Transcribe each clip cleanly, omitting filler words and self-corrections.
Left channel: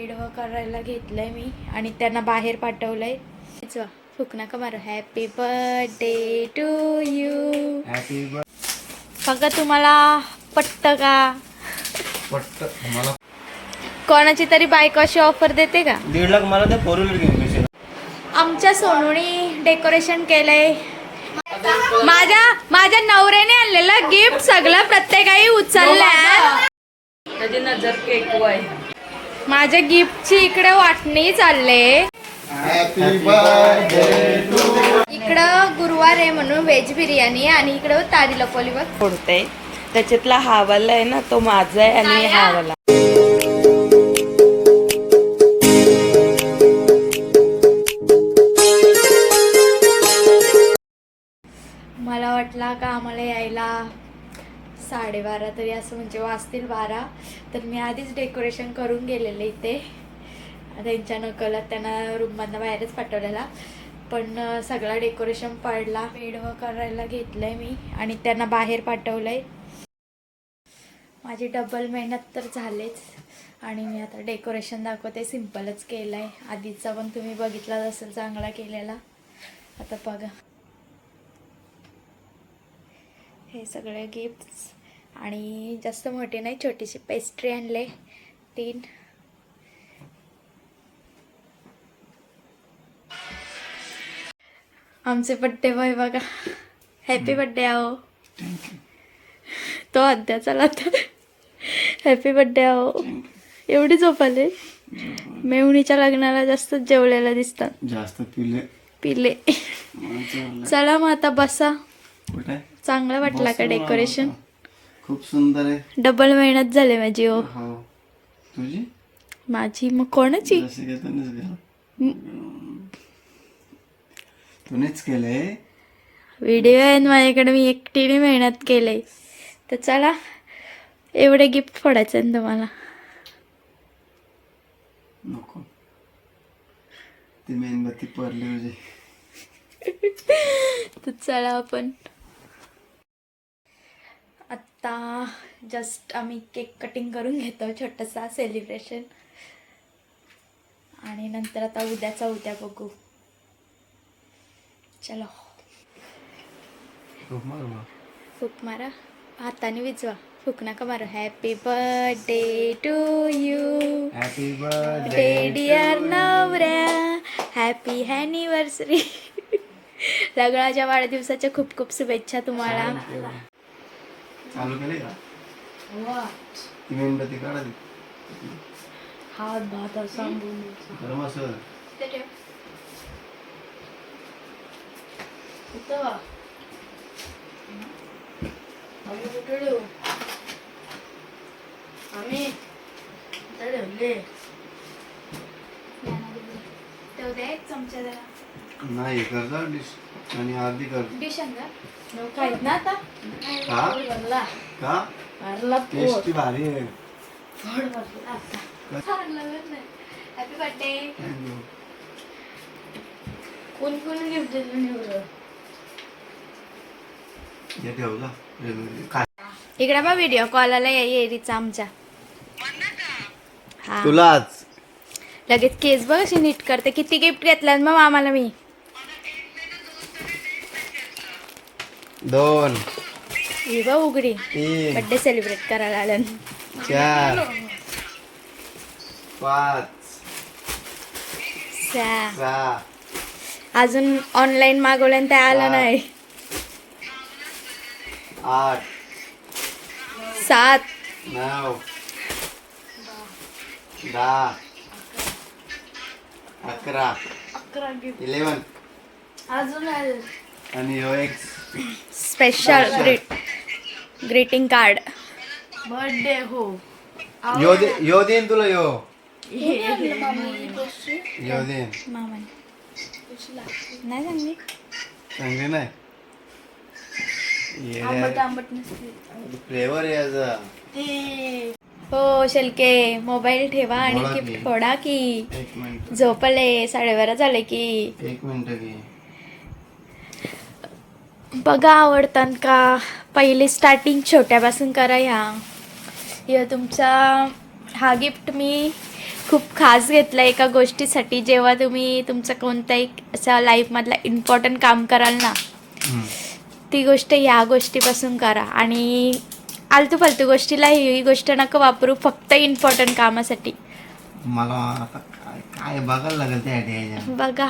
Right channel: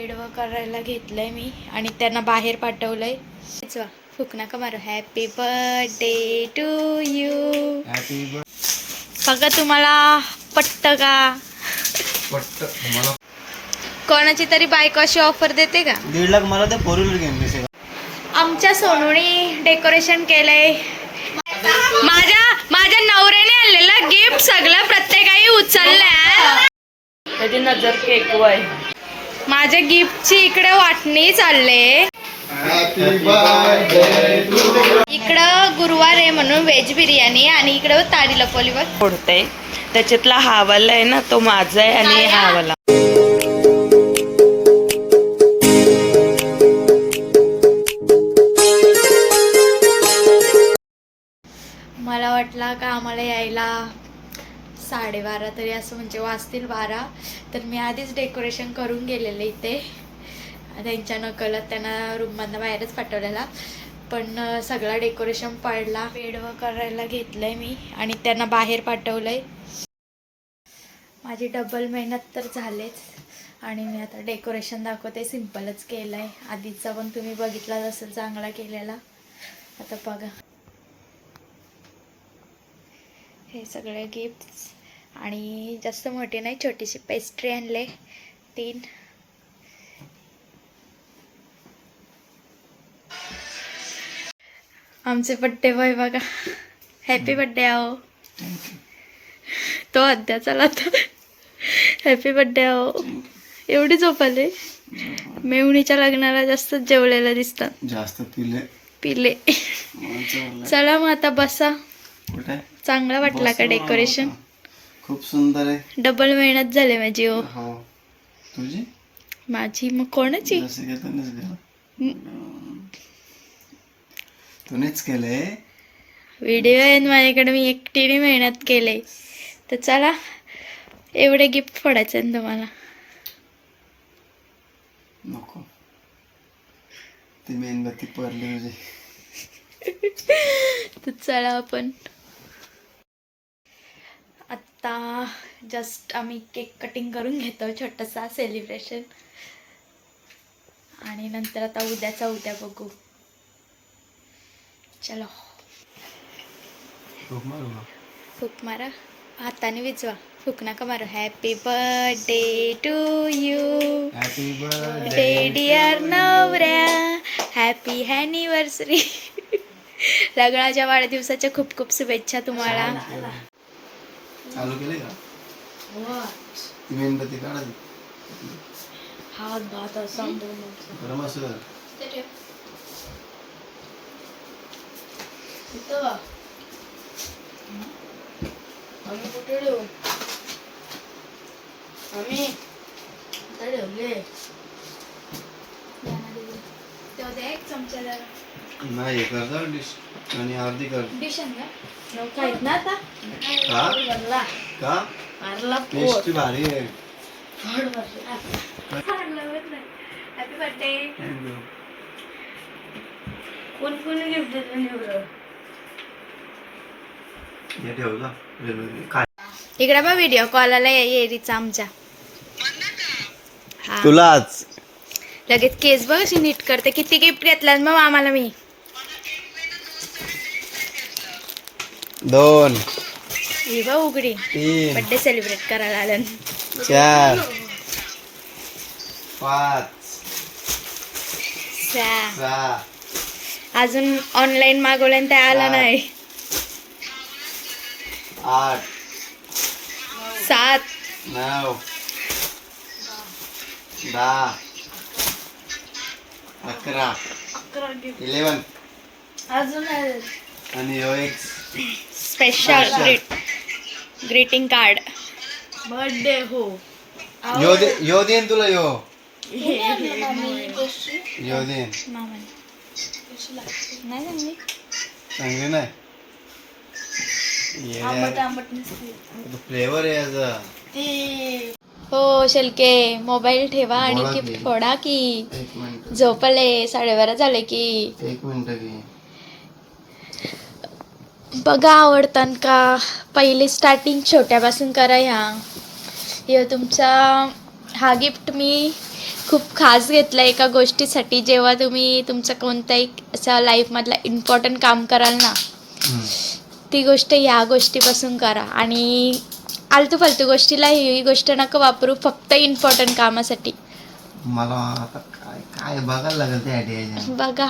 वेडवं करायला घेतलंय मी आणि त्यांना बाहेर पाठवलंय. फुक नका मारू. Happy birthday to you. Happy बघा तुम्हाला पट्ट का? पट्ट मला कोणाची तरी बायको अशी ऑफर देते का? 1.5 लाख मला ते 4 व्हीलर घेऊन पैसे. आमच्या सोनूनी डेकोरेशन केलंय. माझ्या नवऱ्याने आणलेलं गिफ्ट सगळं प्रत्येकाही उचललंय. माझ्या गिफ्टची इकडे वाटणी चालले. इकडं गुरुवार आहे म्हणून व्हेज बिर्याणी आणि इकडं ताडी लपवली बघ फोडते. त्याच्यातला हा वाला आहे ना तो माझा आहे आणि हा वाला. मला वाटला का आम्हाला यायला 12:30 तरी असं म्हणजे वाजतील 12. तर मी आधीच डेकोरेशन करून गेलेले इथे. त्यांच्या नकलत त्यांना रूममधनं बाहेरच पाठवलेला. पण सगळा डेकोरेशन पडला. वेडवं करायला घेतलंय मी आणि त्यांना बाहेर पाठवलंय. माझी डबल मेहनत तर झालेच. आणि मी आता डेकोरेशन दाखवते. सिम्पलच केलंय. आधीचा पण तुम्ही बघितलाच असेल चांगला केलेला. आता बघा हे सगळे गिफ्ट्स. आणि जास्त मोठी नाही, छोटीशी पेस्ट्री आणले 3. आमचे बड्डे बॉय बघा. हॅपी बड्डे आहो. तो अद्या चला तर हॅपी बड्डे आहो. एवढी झोपाले. मेवणीच्या लग्नाला जास्त जेवलेला दिसतात. जास्त पिले. चला मग आता बसा. चांगला वाटला का डेकोरेशन? खूप सुंदर आहे. डबल मेहनत झाली माझी. हो तुझी माझी मग कोणाची? तूनेच केलंय. व्हिडिओ आहे माझ्याकडे. मी एकटीने मेहनत केले. तर चला एवढे गिफ्ट फोडायचे ना तुम्हाला. नको ती मेणबत्ती पडली तुझी. तर चला आपण आत्ता जस्ट आम्ही केक कटिंग करून घेतो. छोटासा सेलिब्रेशन. आणि नंतर आता उद्या बघू. चलो फूक मारा. हाताने विजवा. फूक नका मारू. Happy birthday to you. Happy birthday dear नवऱ्या. Happy anniversary. लग्नाच्या वाढदिवसाच्या खूप खूप शुभेच्छा तुम्हाला. चालू केले का? ती मेणबत्ती काढा. हात भात गरम असं एक चमचा नाही कर डिश आणि अर्धी कर. डिश काहीच ना आता. का टेस्ट भारी आहे. Happy birthday. कोण गिफ्ट दिलं? हे ठेवला इकडे बा व्हिडिओ कॉल आला येरीचा आमच्या. हा तुलाच लगेच केस बघ अशी नीट करते. किती गिफ्ट घेतल्यात मग आम्हाला? मी 2 ही बघ उघडी. 3 बर्थडे सेलिब्रेट करायला आलं. 4 5 6 अजून ऑनलाईन मागवलं ते आलं नाही. 8 7 9 10 11 11 अजून आणि ह्यो एक स्पेशल ग्रीटिंग कार्ड. बर्थडे हो. यो देन तुला यो देन. मामाने नाही सांगली. चांगले नाही. फ्लेवर आहे याचा. हो शेलके मोबाईल ठेवा आणि बोला गिफ्ट की. फोडा की. 1 मिनिट. झोपले 12:30 झाले की. 1 मिनिट घे. बघा आवडतात का? पहिली स्टार्टिंग छोट्यापासून करा. ह्या तुमचा हा गिफ्ट मी खूप खास घेतलं एका गोष्टीसाठी. जेव्हा तुम्ही तुमचं कोणत्याही असं लाईफमधलं इम्पॉर्टंट काम कराल ना, हम्म. ती गोष्ट ह्या गोष्टीपासून करा. आणि आलतू फालतू गोष्टीला ही गोष्ट नका वापरू, फक्त इम्पॉर्टंट कामासाठी. मला आता काय काय बघायला लागेल त्या आयडिया. बघा,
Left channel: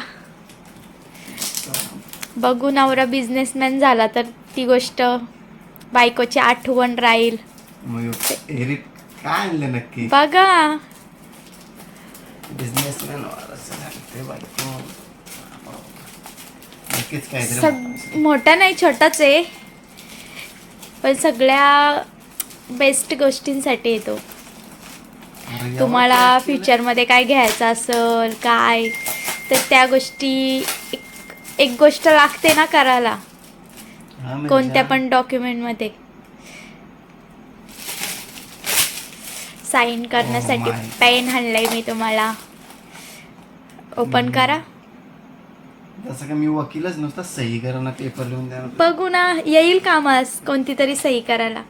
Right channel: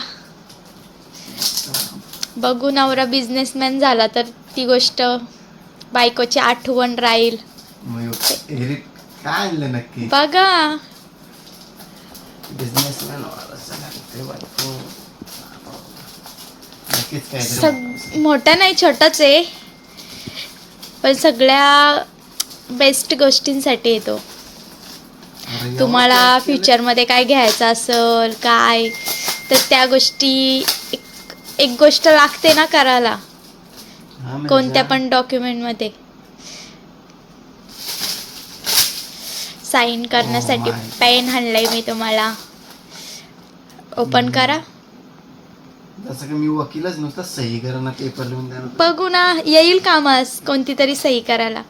बघू नवरा बिझनेसमॅन झाला तर ती गोष्ट बायकोची आठवण राहील. मग एरित काय आणलं नक्की? बघा, बिझनेसमॅन ते बायको नक्कीच काय मोठा नाही, छोटाच आहे, पण सगळ्या बेस्ट गोष्टींसाठी येतो. तुम्हाला फ्युचरमध्ये काय घ्यायचं असेल काय, तर त्या गोष्टी एक गोष्ट लागते ना करायला, कोणत्या पण डॉक्युमेंटमध्ये साईन करण्यासाठी. पेन आणलंय मी तुम्हाला, ओपन करा. जसं की मी वकीलच नुसतं सही करा ना, पेपर लिहून द्या. बघू ना, येईल कामास कोणती तरी सही करायला.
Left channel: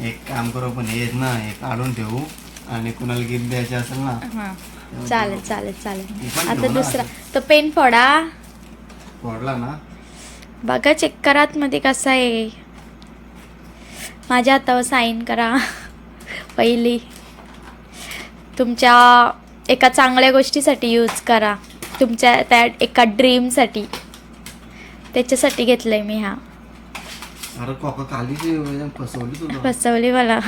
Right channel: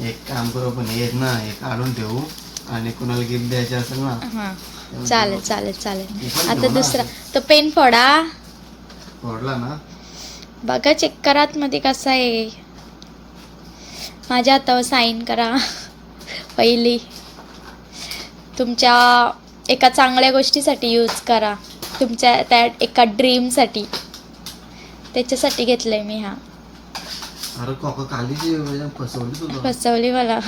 एक काम करू आपण, हे ना हे काढून ठेवू आणि कुणाला गिफ्ट द्यायचे असेल ना. हां, चालेल चालेल चालेल. मी पण आता घेऊ ना. दुसरा तो पेन फोडा. फोडला ना. बघा, चेक करा आतमध्ये कसा आहे. माझ्या हातावर साईन करा पहिली. तुमच्या एका चांगल्या गोष्टीसाठी यूज करा, तुमच्या त्या एका ड्रीमसाठी. त्याच्यासाठी घेतलंय मी. हा अरे काका काली फसवली तुला. फसवली मला.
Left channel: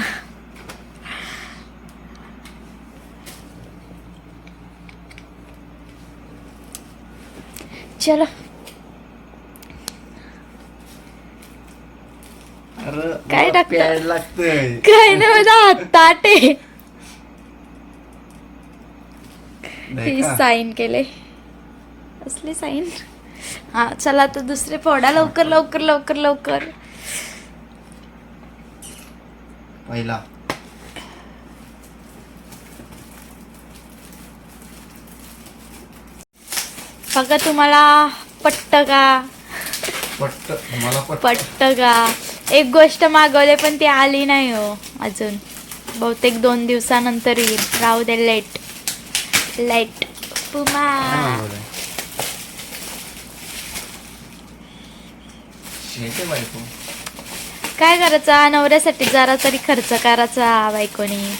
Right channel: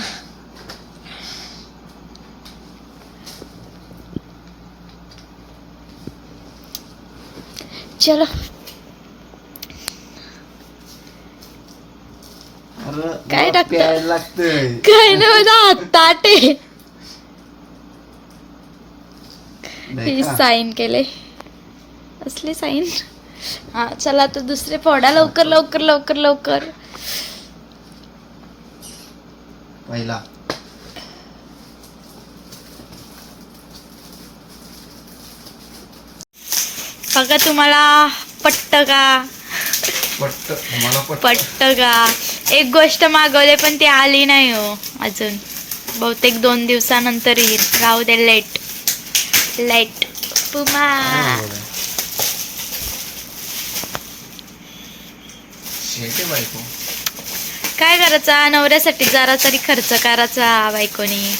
चलो, अरे काय मला टाकतं? प्यायला लागतंय. काय नाही, माझा हात ताट आहे. नाही ही का? साईन केले, असली साईन. हा चला, तर दुसरे फोडा लवकर लवकर लवकर लवकर. पहिला बघा, तुम्हाला पटत का? पट्ट मला पटत का? एक गोष्ट मागवले पण ती आली नाही हो अजून. बहुतेक 2 दिवसानंतर येईल. राहू दे, लेट लेट पुमा. शेते बायको. काय करायचा, नवऱ्यासाठी जरा तरी खर्च करायचा बायकोनी.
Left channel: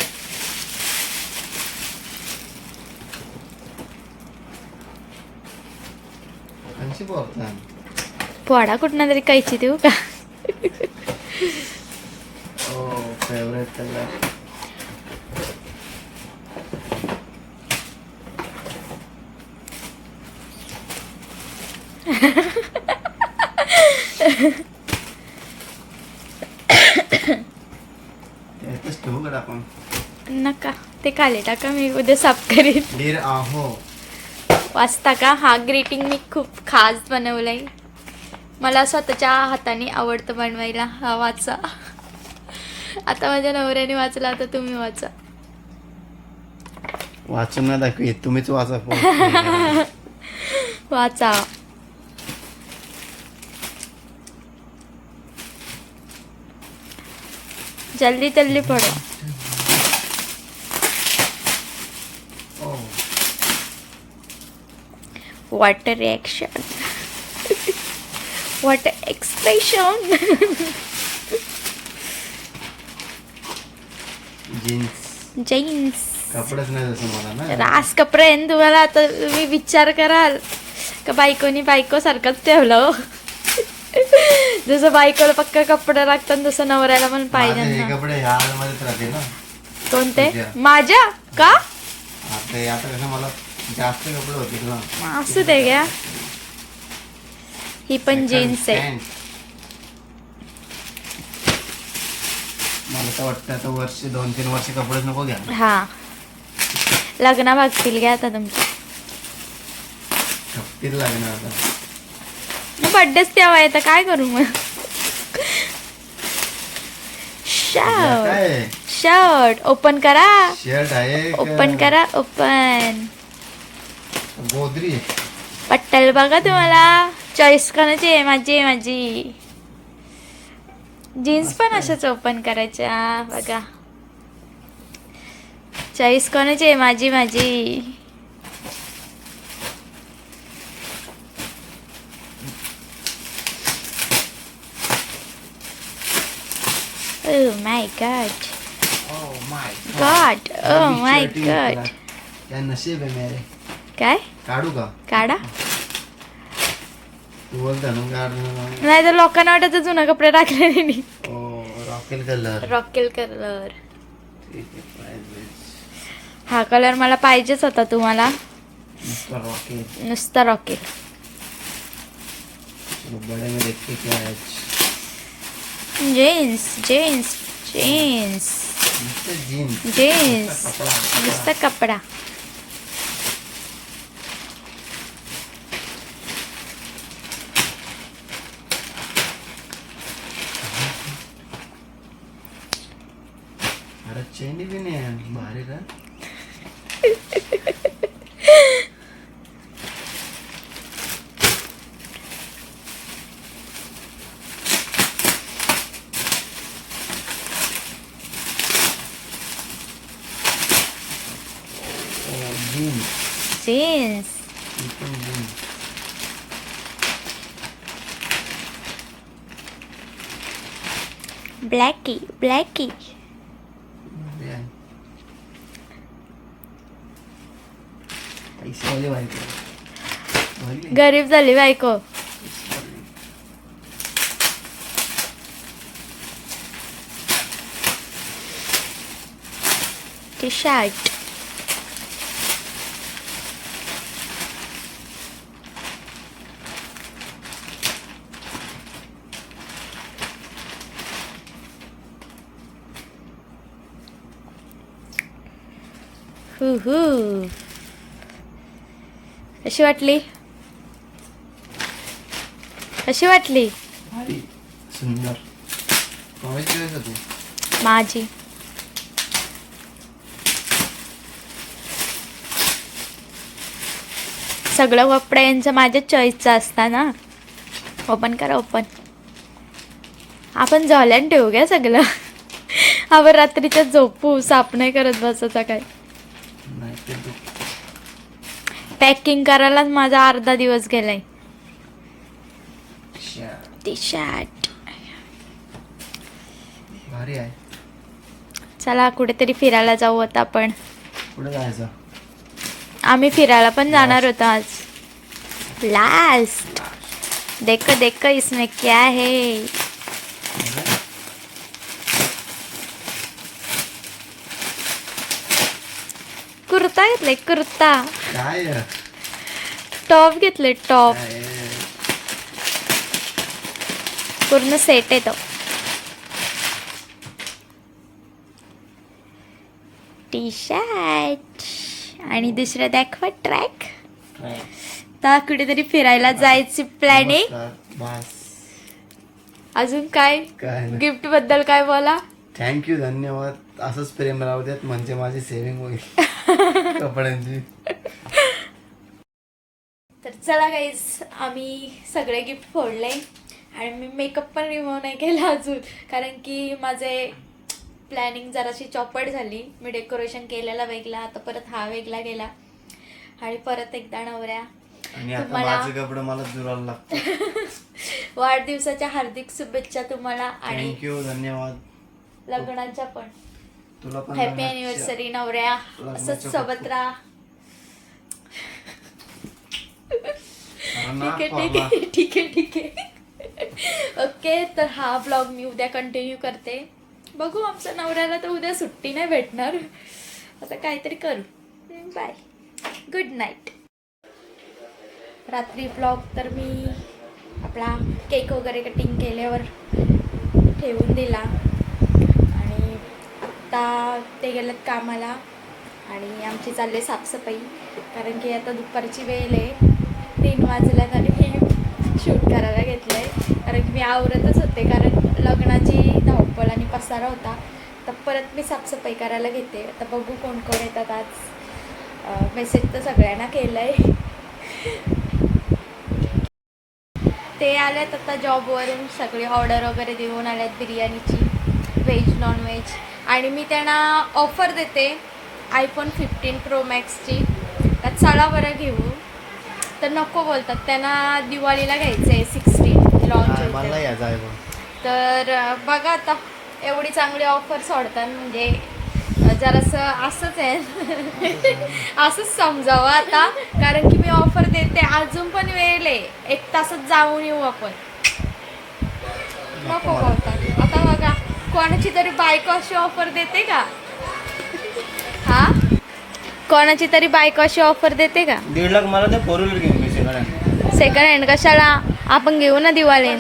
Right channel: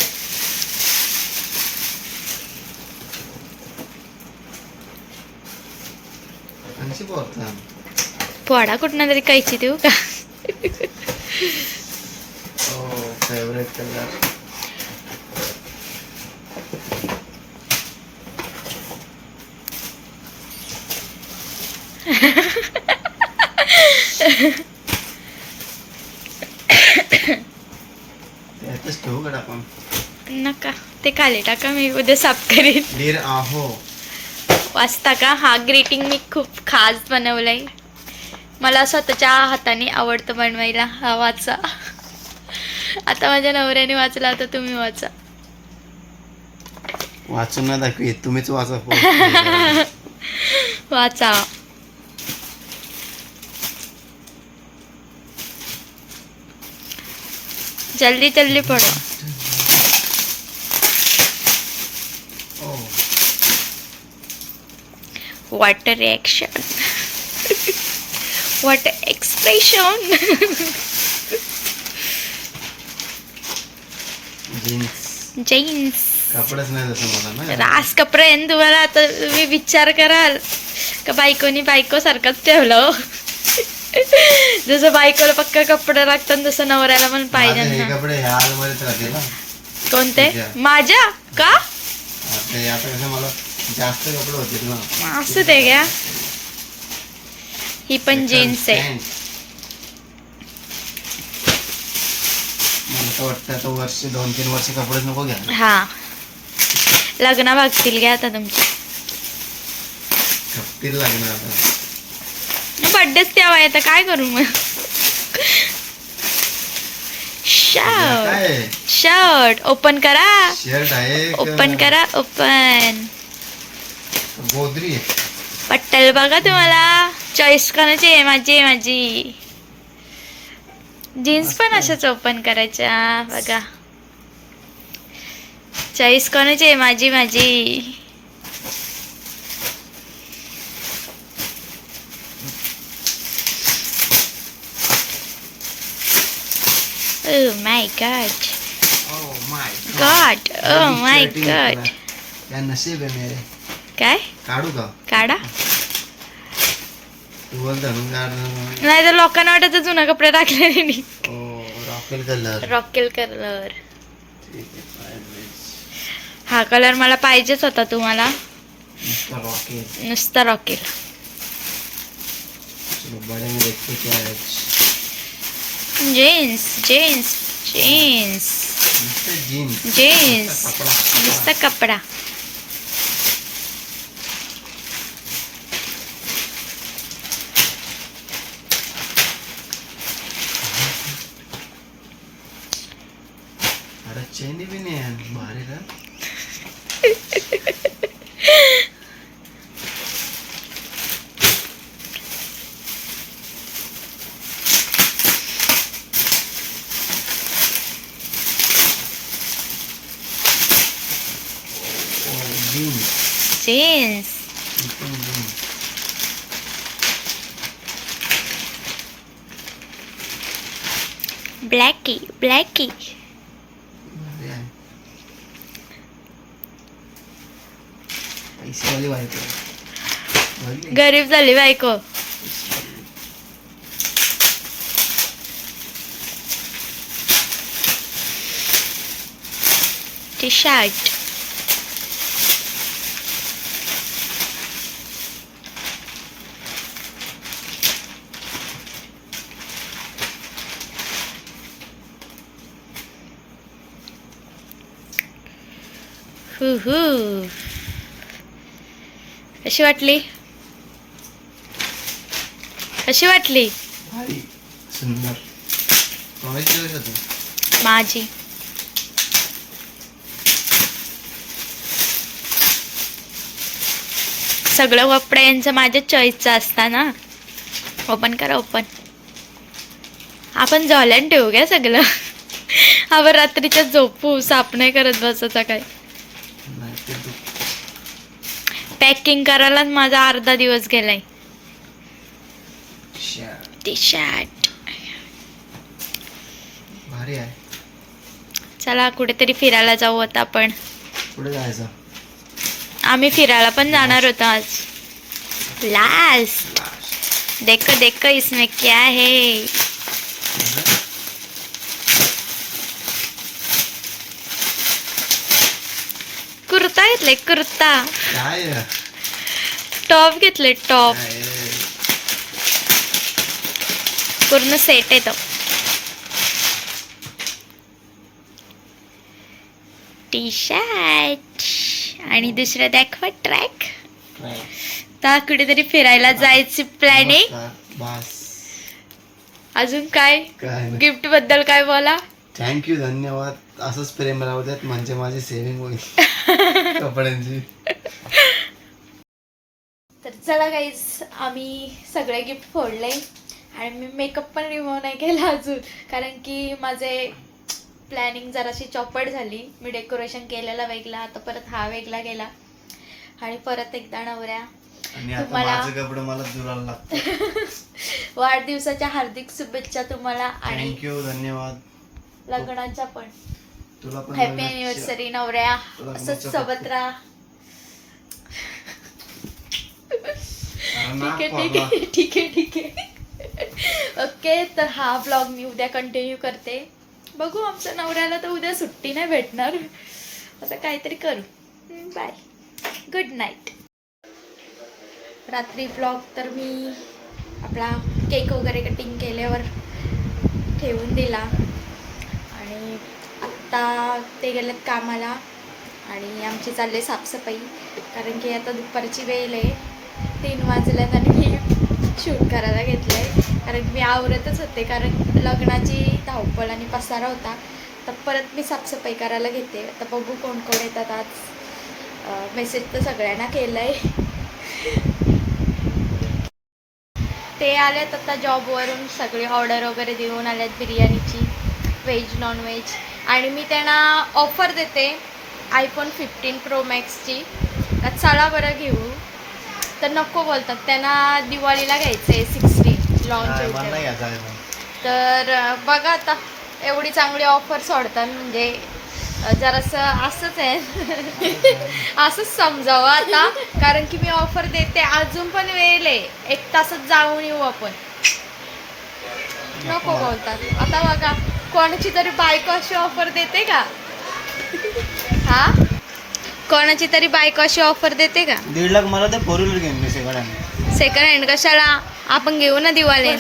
आणखी बोलता पोडा कुठनं तरी कायची देऊ का? Favourite colour. त्यातच ठेवू का आपण? नका, ते खाली टाका, मी उद्या साफ करीन. डिअर आहो. वाचता का? हा ग्रीटिंग मी खूप खास बनवलंय. मला स्वतःच्या हाताने आवडतं बनवायला. हा वाचा. आता माझ्या नवऱ्याने वाचला, आता तुम्ही वाचा. वाचून ना दाखवी, तुम्हीच वाचा. वाचा. जल्दी जल्दी पढ़ो. What a reaction. What a expression. Jeans कपडेच नाही तसं मला ना. रास कपडे आहे ना तुम्हाला. आता तुम्ही विचार कराल का बायको सारखंच ठेवलं. जसं बायकोला पक्का कपडे लागतात तसं नवऱ्याला पण पाहिजे माझे हे ना. कपडे ह्या आलमारीत राहतील ना. कोणते? तुझ्या. माझ्या का? आता कसं मला जास्त कपडे होतील ना. असू दे घ्या. ही पण जीन्स आहे. पॅन्ट. मला तर वाटतं आता 2-3 वर्ष कपडेच नको घ्या. हा, लग्न भागतील घ्या आता तुमचे. खपतील लागणार आता. बर्थडेच तेव्हा येतं, काय करू मग. शर्ट शर्ट ओपन करा. शर्ट आहे का? ओपन करा, ओपन. गोदरी. पट्टल बघा तुम्हाला. चॉईस कोणाची आहे? माझी. जीन्स पण अशाच ओपन करायच्या बघा. चॉईस कोणाची आहे? माझी. Oh my god. Oh my god. काय नशीब आहे मेरे. काय काढू का? काढा. तू बोलता ना काढ. नाही तर लोकांना वाटत जुना कपडे टाकले नाही. रॉकेल कलर. रॉकेल कलर. हा कलर मला पाहिजेच होता तुम्हाला. रॉकेल. नुसता रॉकेल. चलो बड़े में देखते क्या है. जीन्स. नुसता कपडा. अरे चेन भी नहीं है भारी का. जीन्स. ब्लॅकी. पैसे वाली बायको. गरीब झाली बायको. T shirt. कशी वाटली? भारी सुंदर. तू माझी. सगळं कपडे यांचं माझ्या चॉईसचं असता ना. ओपन करा. आपण झोल्यान ठेवू घ्या सगळं. आपण रात्रीच्या झोपू. साफ नाही करत बसायचा काय. पॅकिंग करायलाच माझा अर्धा दिवस गेलाय. टी शर्ट भारी आहे. चला कुठेतरी फिरायला जाऊ आता आपण. कुठे जायचं? आम्ही फिरायला पण जाणार होतो आज. लास्ट. देखो इसमें क्या है. कुर्ता घेतलाय. काय टॉप घेतले. टॉप पूर्ण सेट येतो. टी शर्ट आणि दुसरं दाखवा ट्रॅक. तर कुठेतरी फिरायला जायची प्लॅनिंग. अजून काय गिफ्ट बद्दल काय बोला? थँक्यू. धन्यवाद. असंच प्रेम राहू द्यात म्हणजे माझी सेव्हिंग होईल कपड्यांची. तर चला गाईज आम्ही सगळे गिफ्ट फोडले आणि मी मेकअप पण रिमूव्ह नाही केला अजून. कारण की माझे प्लॅनिंग जराशी चॉपट झाली. मी डेकोरेशन केलेला वेगळा. आता परत हा वेगळा गेला. आणि परत एकदा नवऱ्या तुम्हाला वाढदिवसाच्या हार्दिक शुभेच्छा तुम्हाला. आणि थँक्यू. धन्यवाद. लग्नाच्या पण तुला पण हॅपी अॅनिव्हर्सरी नवऱ्या. असंच सोबत राहा. ठीक आहे. ओके. तर हा ब्लॉग मी उद्या कंटिन्यू करते. बघू आमच्या नवऱ्याला तर उद्या सुट्टी नाही भेटणार. असं काहीतरी करू. बाय. Good night. रात्री ब्लॉग तर मी आपला केक वगैरे कटिंग केल्यावर ठेवून दिला. आणि आत्ता ते गेलेत कामाला आणि आमची चालले साफसफाई. कारण की आता दुपारची वेळ आहे. 3 वाजल्यात आणि मी शूट करायला घेतलं आहे. कारण की मी आवरतच होते. कारण लग्नाची धावपळ आणि पसारा होता. तर परत मी साफसफाई करायला घेते. आता बघू कोण कोण येतात आज. मेसेज तर सगळ्यांना केलं आहे. ते आलेत आता जॉबवरून, सगळी ऑर्डर वगैरे देऊन आल्यात बिर्याणीची, व्हेज नॉन व्हेज. आणि मी त्यांना ऑफर देते iPhone 15 Pro Maxची, चला बरं घेऊ. तर नको बोलतात, त्यांना दिवाळीला घ्यायचं आहे, 16 लॉन्च होईल. तर बघा आता एवढी चांगली ऑफर सोडतात म्हणजे जरासं असंच आहे असंच समजावं आता, कारण की मी ऑफर देते. अजून पण वेळ आहे, 1 तासात जाऊन येऊ आपण. नको बोलतात. आता बघा कोणाची तरी बायको अशी ऑफर देते का? हा, कोणाची तरी बायको अशी ऑफर देते का? 1.5 लाख मला ते 4 व्हीलर घेऊन सेकंड हँड. सेकंड हँड कशाला, आपण घेऊ ना दिवाळी.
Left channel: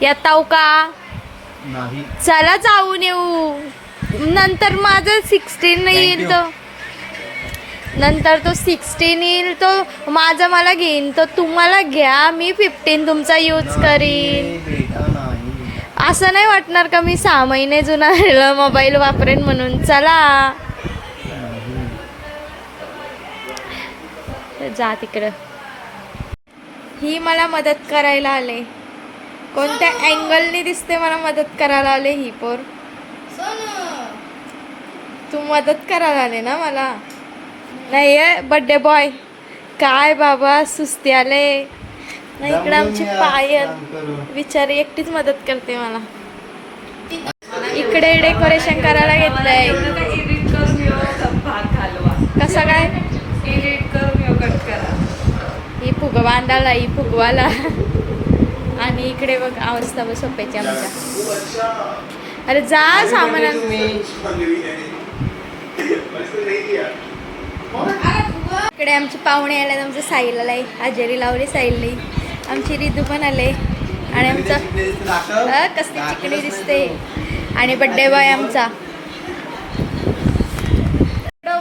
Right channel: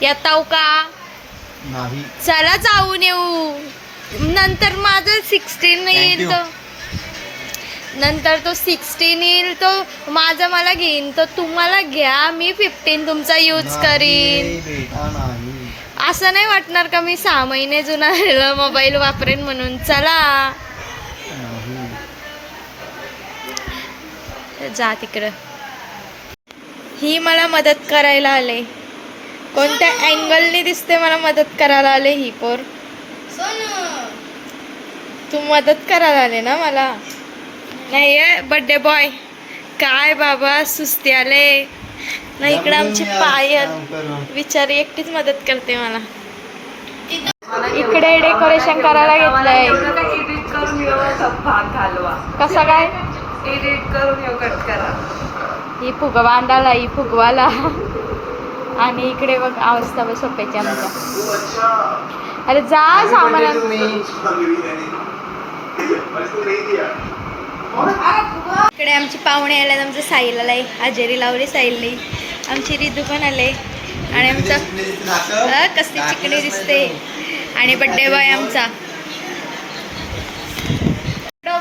येताव का? नाही. चला जाऊन येऊ. नंतर माझं 16 येईल, तो नंतर तो 16 येईल, तो माझा मला घेईन, तो तुम्हाला घ्या, मी 15 तुमचा यूज करीन. बेटा नाही. असं नाही वाटणार का मी 6 महिने जुना मोबाईल वापरेन म्हणून. चला जा तिकडं. ही मला मदत करायला आले, कोणत्या अँगलनी दिसते मला मदत करायला आले ही पोर. तू मदत करायला आले ना मला? नाही बर्थडे बॉय. काय बाबा सुस्ती आले ना. इकडे आमचे पायल बिचारी एकटीच मदत करते मला. इकडे डेकोरेशन करायला घेतलंय. कसं काय? ही फुग बांधायला, ही फुगवाला. आणि इकडे बघ अवस्था बघ सोप्याची आमच्या. अरे जा सामान. इकडे आमचे पाहुणे आले, आमचं साईल आलाय, हजेरी लावली साईलने. आमची रिदू पण आले आणि आमचं कसली चिकणी दिसते. आणि बड्डे बॉय आमचा.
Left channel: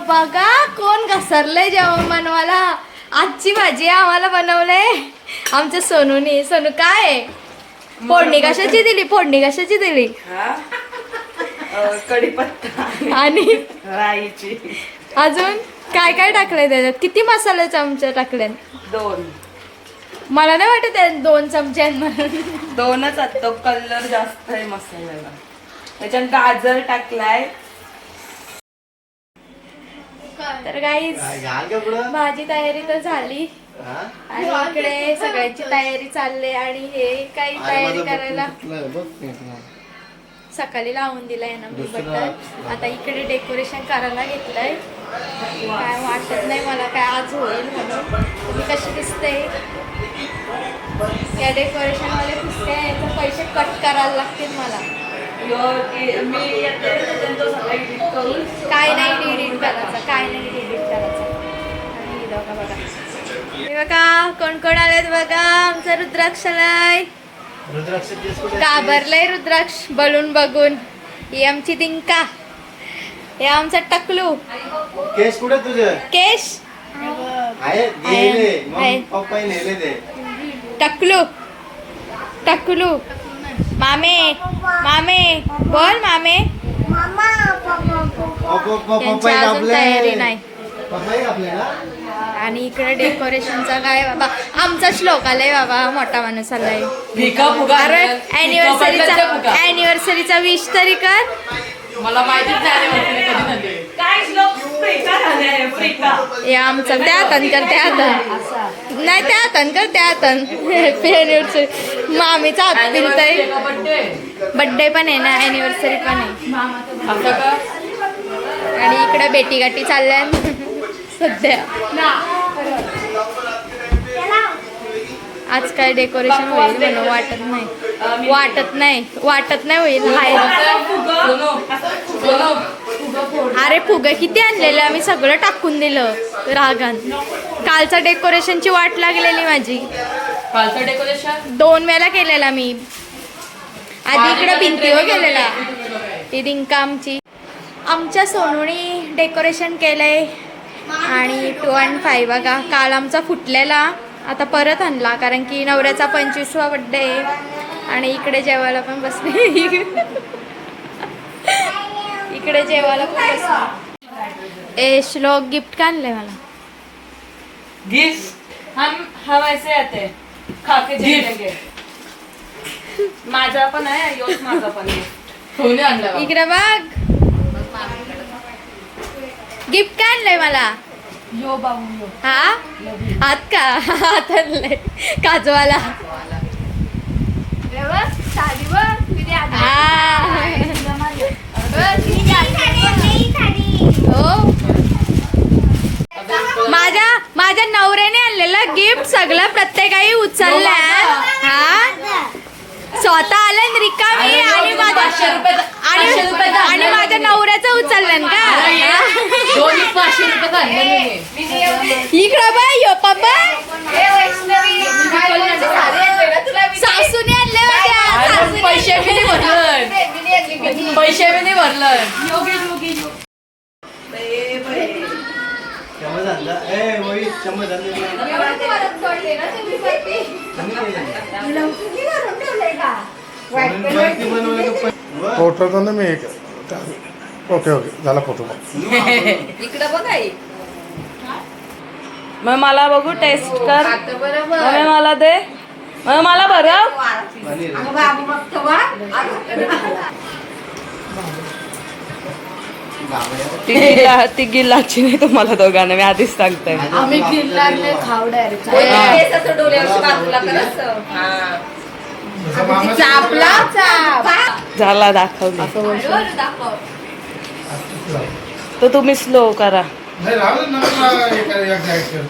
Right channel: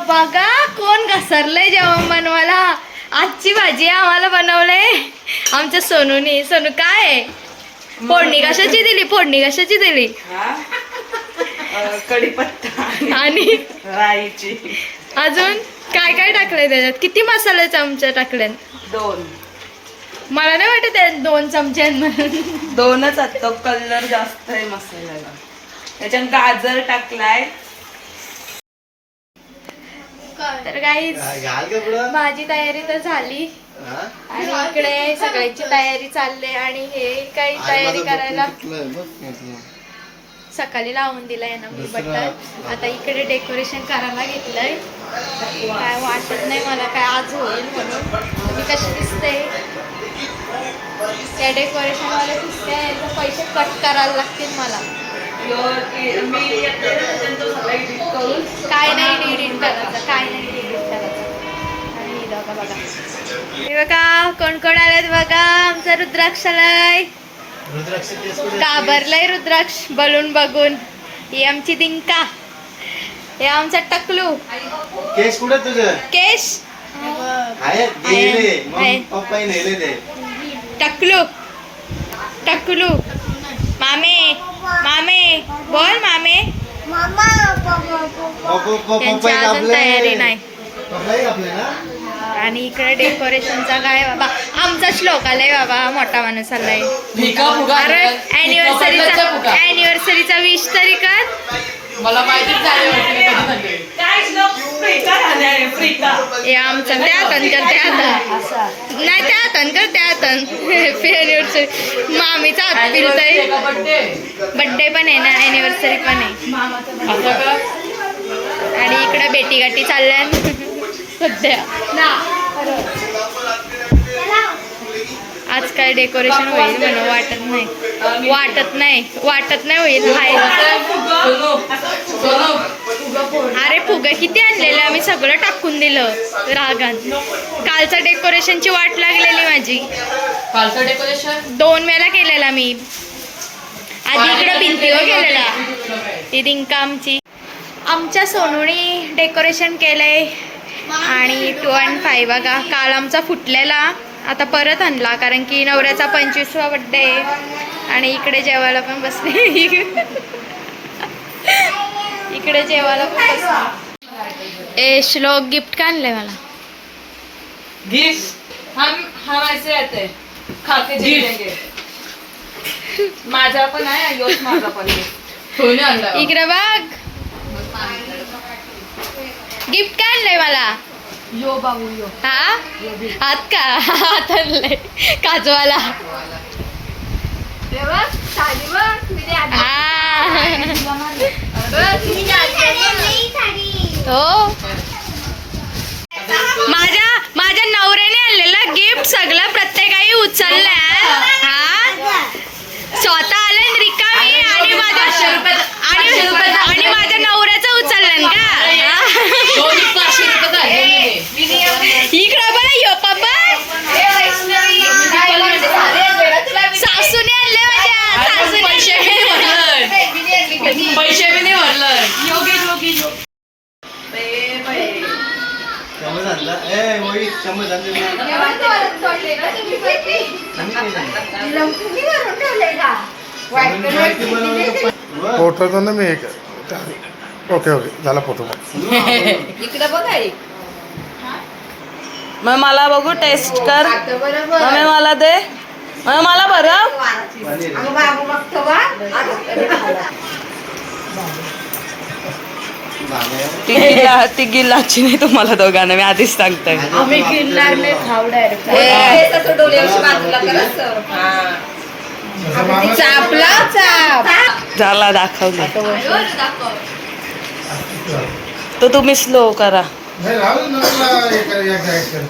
बघा कोण घसरलंय जेवण बनवायला. आजची भाजी आम्हाला बनवले आमच्या सोनूनी. सोनू काय फोडणी कशाची दिली? फोडणी कशाची दिली? कढीपत्ता आणि राईची. अजून काय काय टाकलंय त्याच्यात? किती मसाले चमचे टाकले? 2. मला नाही वाटत आहे 2 चमचे म्हणून. 2च आहेत. तो कलर जास्त आहे मसाल्याला. त्याच्यात गाजर टाकलाय. तर गाईज माझी तयारी तर झाली आणि इकडे सगळ्यांची तयारी चालली. आणि हे काही तयारी करायला सकाळी लावून दिलंय ना मी बटर. आता इकडे डेकोरेशन करायला घेतलंय. काय वाटत नाही मला काय आज होईल म्हणून. तुम्ही कशी दिसते त्या डेकोरेशनवाले दिसते, पैसे कट करायला लागतील मला. काय नाही एडिट करायचं, काय नाही एडिट करायचं. आणि बघा बघा हे बघा कोण कोण आलेत बघा. आमचा रुद्राक्ष आलाय. घाबरलाय रुद्राक्ष बलून बघून. ही आमची दिंका. हे आमचा टकलू. केस कुठे तुझे? केश टकलू. टकलू मामे. मामे बोल मामे. त्यांची अजून तयारी नाही. आणि इकडे डेकोरेशनचा काय बाबा आमचा श्लोक आलाय बाबा. मोठा माणूस आलाय. अरे अॅनिव्हर्सरीचा विश तरी कर. मला माहितीच हे आमचं त्यातन कर त्यातन नाही त्यातन कर त्यातन. Happy anniversary. मामीचा हात फिरतय. बड्डे पण आहे ना अॅनिव्हर्सरी पण आहे. आणि इकडे बेटी गाठी चालल्या सध्या. आज काय डेकोरेशन होईल म्हणून वाटत नाही. वाटत नाही होईल. अरे फुगे किती आणलेले आम्ही सगळं टाकून दिलं रागान. कालचा डेकोरेशनची वाट लागलेली माझी. कालचं डेकोरेशन 2 वेळा केलेला मी. आधी इकडे भिंतीवर केलेला. ती दिंका आमची. आमच्या सोनूनी डेकोरेशन केलंय. आणि 2 आणि 5 बघा काल आमचा फुटलेला आता परत आणला कारण की नवऱ्याचा 25वा बड्डे आहे. आणि इकडे जेवायला पण बसले. इकडे जेवायला पण बसले. श्लोक गिफ्ट का आणलंय मला? गिफ्ट हम ऐसे रहते खा के जिंकेंगे. माझा पण आहे योच माझा पण आहे. इकडे बघ गिफ्ट काय आणलंय मला. यो बाबू यो. हा हात का हात आणलंय काजवाला. हो माझ्या नवऱ्याने आणलेलं गिफ्ट सगळं प्रत्येकाही उचललंय. हा स्वतः आलं रिकामी आणि माझ्या नवऱ्याचं उचललं का. इकडं बघ यो पप्पा सासूने आणले माझ्या पैसे बी नाही भरलं. चम्मच आणला ए मोहित चम्मच फोटो तो ना मी एक ओके ओके झाला फोटो मग. इकडे बघा मग मला बघू टेस्ट कर. मग मला दे. मग मला भरव. ती गिल्लाची नाही तुम्हाला दोघांना मी आधीच सांगते. झाला दाखवले तो तुम्ही स्लो करा. नाही राहू दे ना मला एकदा एक कर.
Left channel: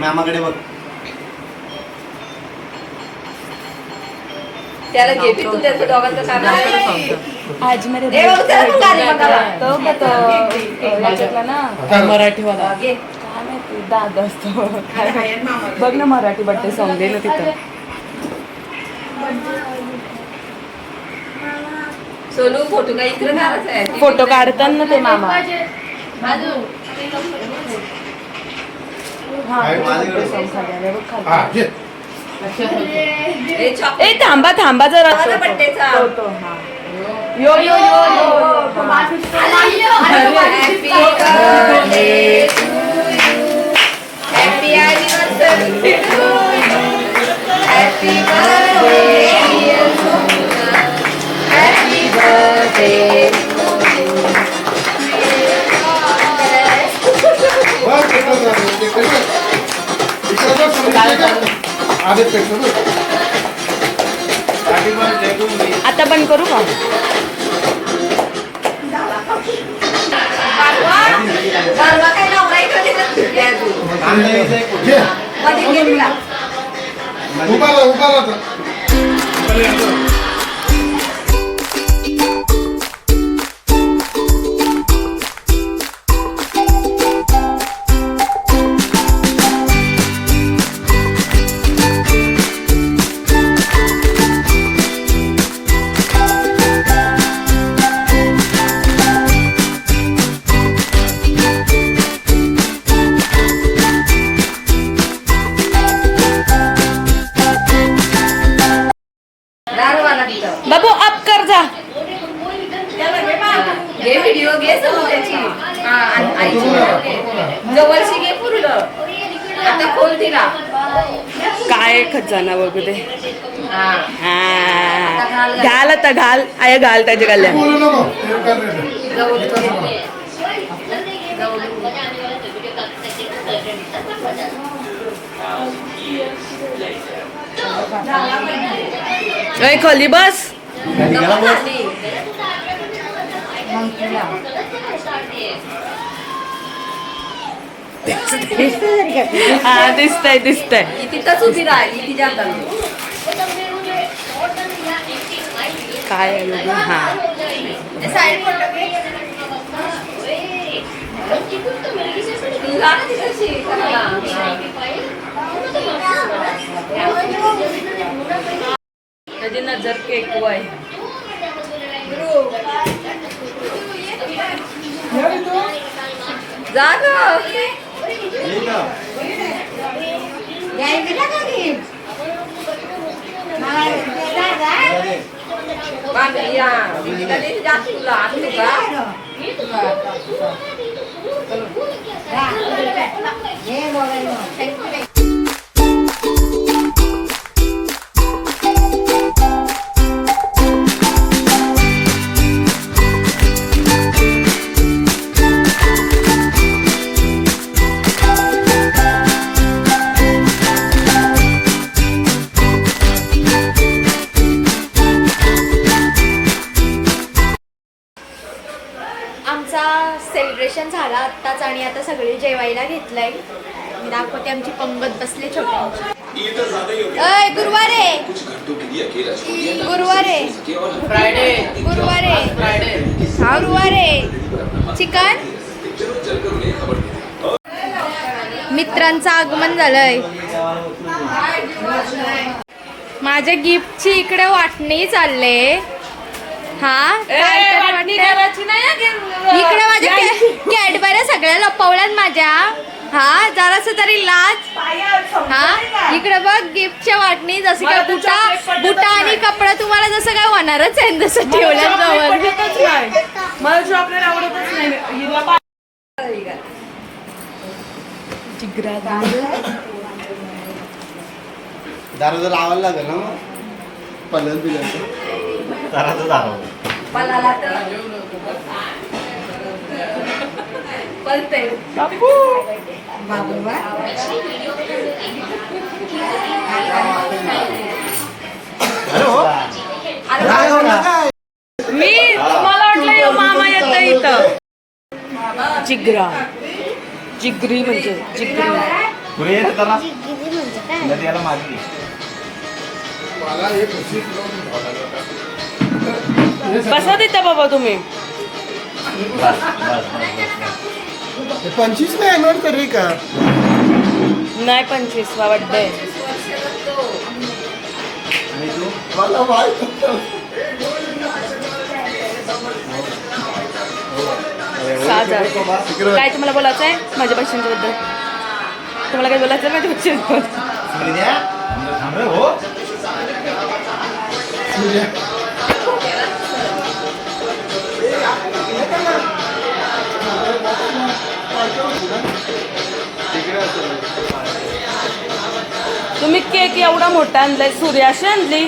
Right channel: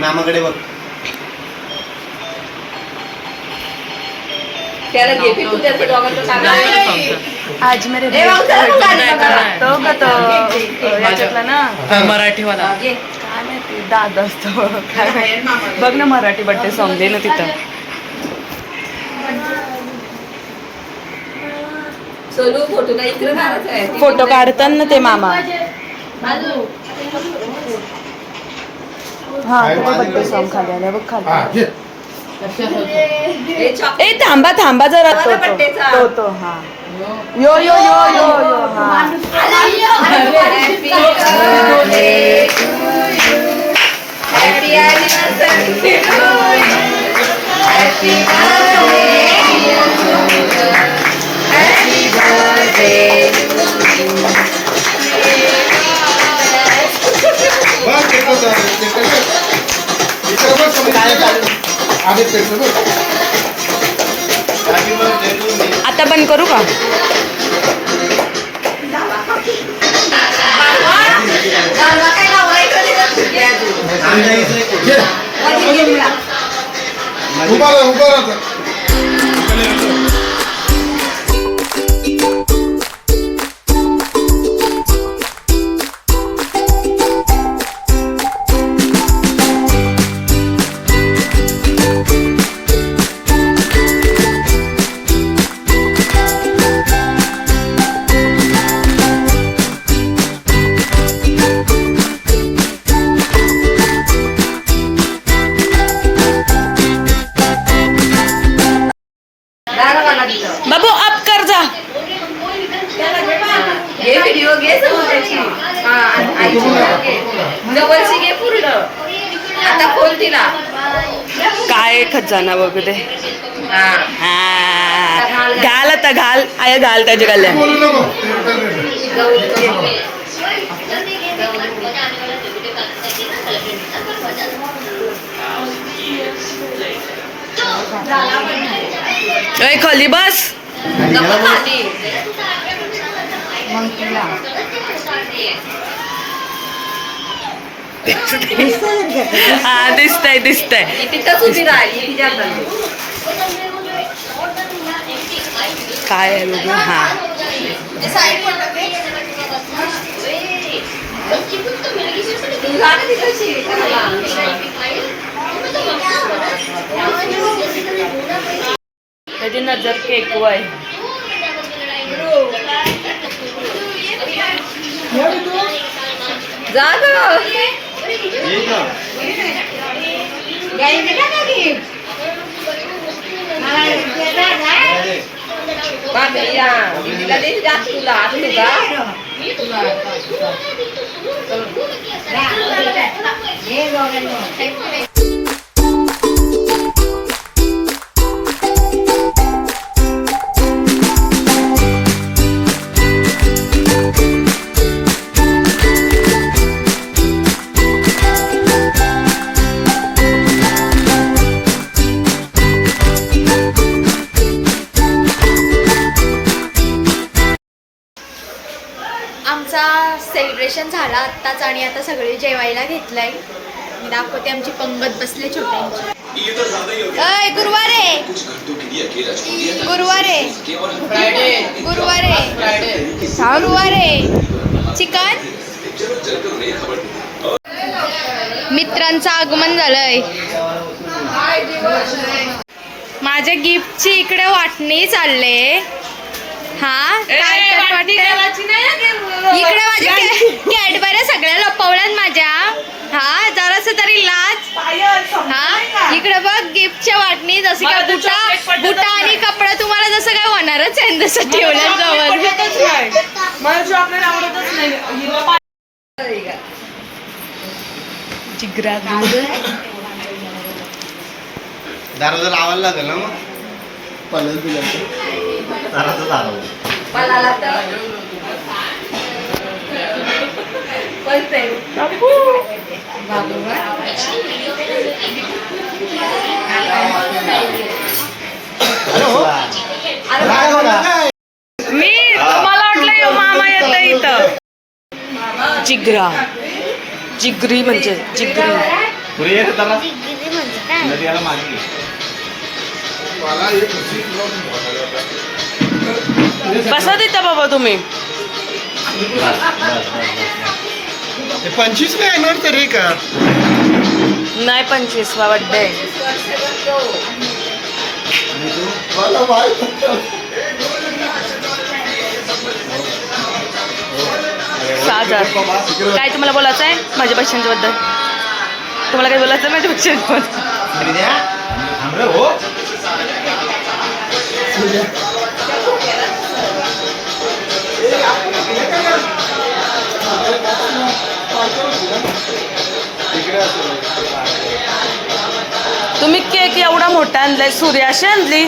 मामाकडे बघ. आज मेरे याच्यातला ना मराठीवाला काय माहिती दादा असतो काय माहिती. बघ ना मराठी बड्डे सॉंग दे ना तिथं. फोटो काढतात ना ते मामा. हा बड्डे सॉंग खाल्लं बघ खाल्लं. ए थांबा थांबा जरा तो हा यो यो यो यो आता बंद करू का. उभा बाबू अप कर जा. काय खजाना बघू दे. घाल आता घाल आय घाल त्याच्या गल्ल्या. खाली बस. हा दिसतंय दिसतंय. काय आहे बघू. हा त्याची नजर केक वय. जा आमचा सेलिब्रेशन झाला आत्ताच आणि आता सगळे जेवायला घेतलंय. मी दाखवते आमची पंगत बसले छोट्यांची. अय गुरुवारे गुरुवारे गुरुवारे गुरुवारे चिकन. मित्रांचं आगमन झालंय. माझ्या गिफ्टची इकडे वाटणी चालले. हा काय तर वाटत इकडे माझ्या कॅडबऱ्या सगळ्या लपवल्यात माझ्या. हा जरास तरी लाज. हा इकडे बघ गिफ्टच्या वाटणी जसं काय बुटा आणि कपडा तुम्हाला जसं काय होणारच आहे तसं ठेवलं जवळ. जिगरा दारू जर लावायला लागेल ना मग पलस बिलस दाराचं दारू. मी मला वाटलं यो मामा येतं इथं. जिगरा जिगरी म्हणजे जिगरी. बसा तिथं बाबा तुम्ही. 25 नाही येणार तरी का. नाही 25वा बड्डे. 6,000. काय तुम्हाला बोलायचं आहे माझ्या पैशांच्या बद्दल. तुम्हाला काय बोलायचं माझ्या पैशांबद्दल. तुम्ही केक एवढा मोठा आणलाय. सूर्याशी आणली.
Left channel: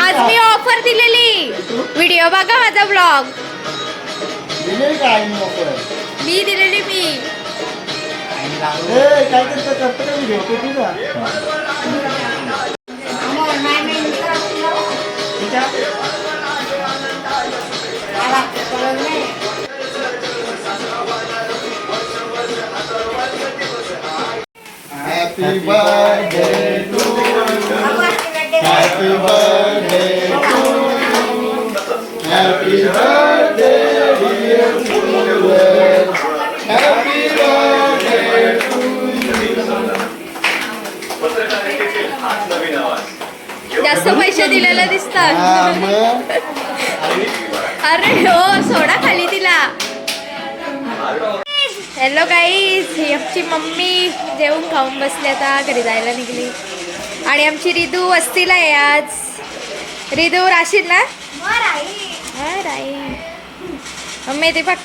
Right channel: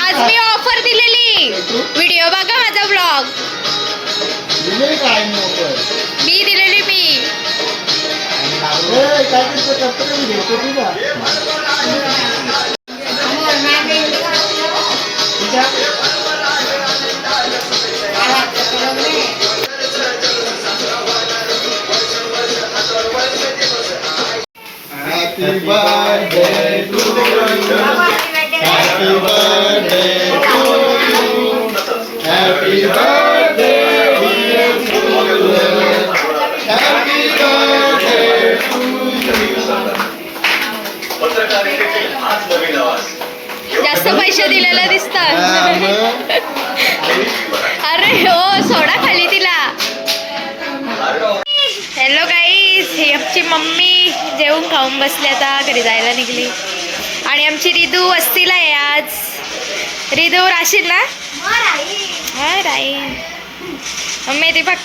आज मी ऑफर दिलेली. व्हिडिओ बघा माझा ब्लॉग. मी दिलेली मी. Happy birthday to you. Happy birthday to you. Happy birthday dear Susan. Happy birthday to you. जास्त पैसे दिलेला दिसतात. अरे हो सोडा खाली तिला. हॅलो गाईस, ही आमची मम्मी जेवून खाऊन बसली. आता घरी जायला निघली. आणि आमची रिदू वस्तीला आहे आज. रिदू राशील ना. हा राहील मम्मी. ते बघ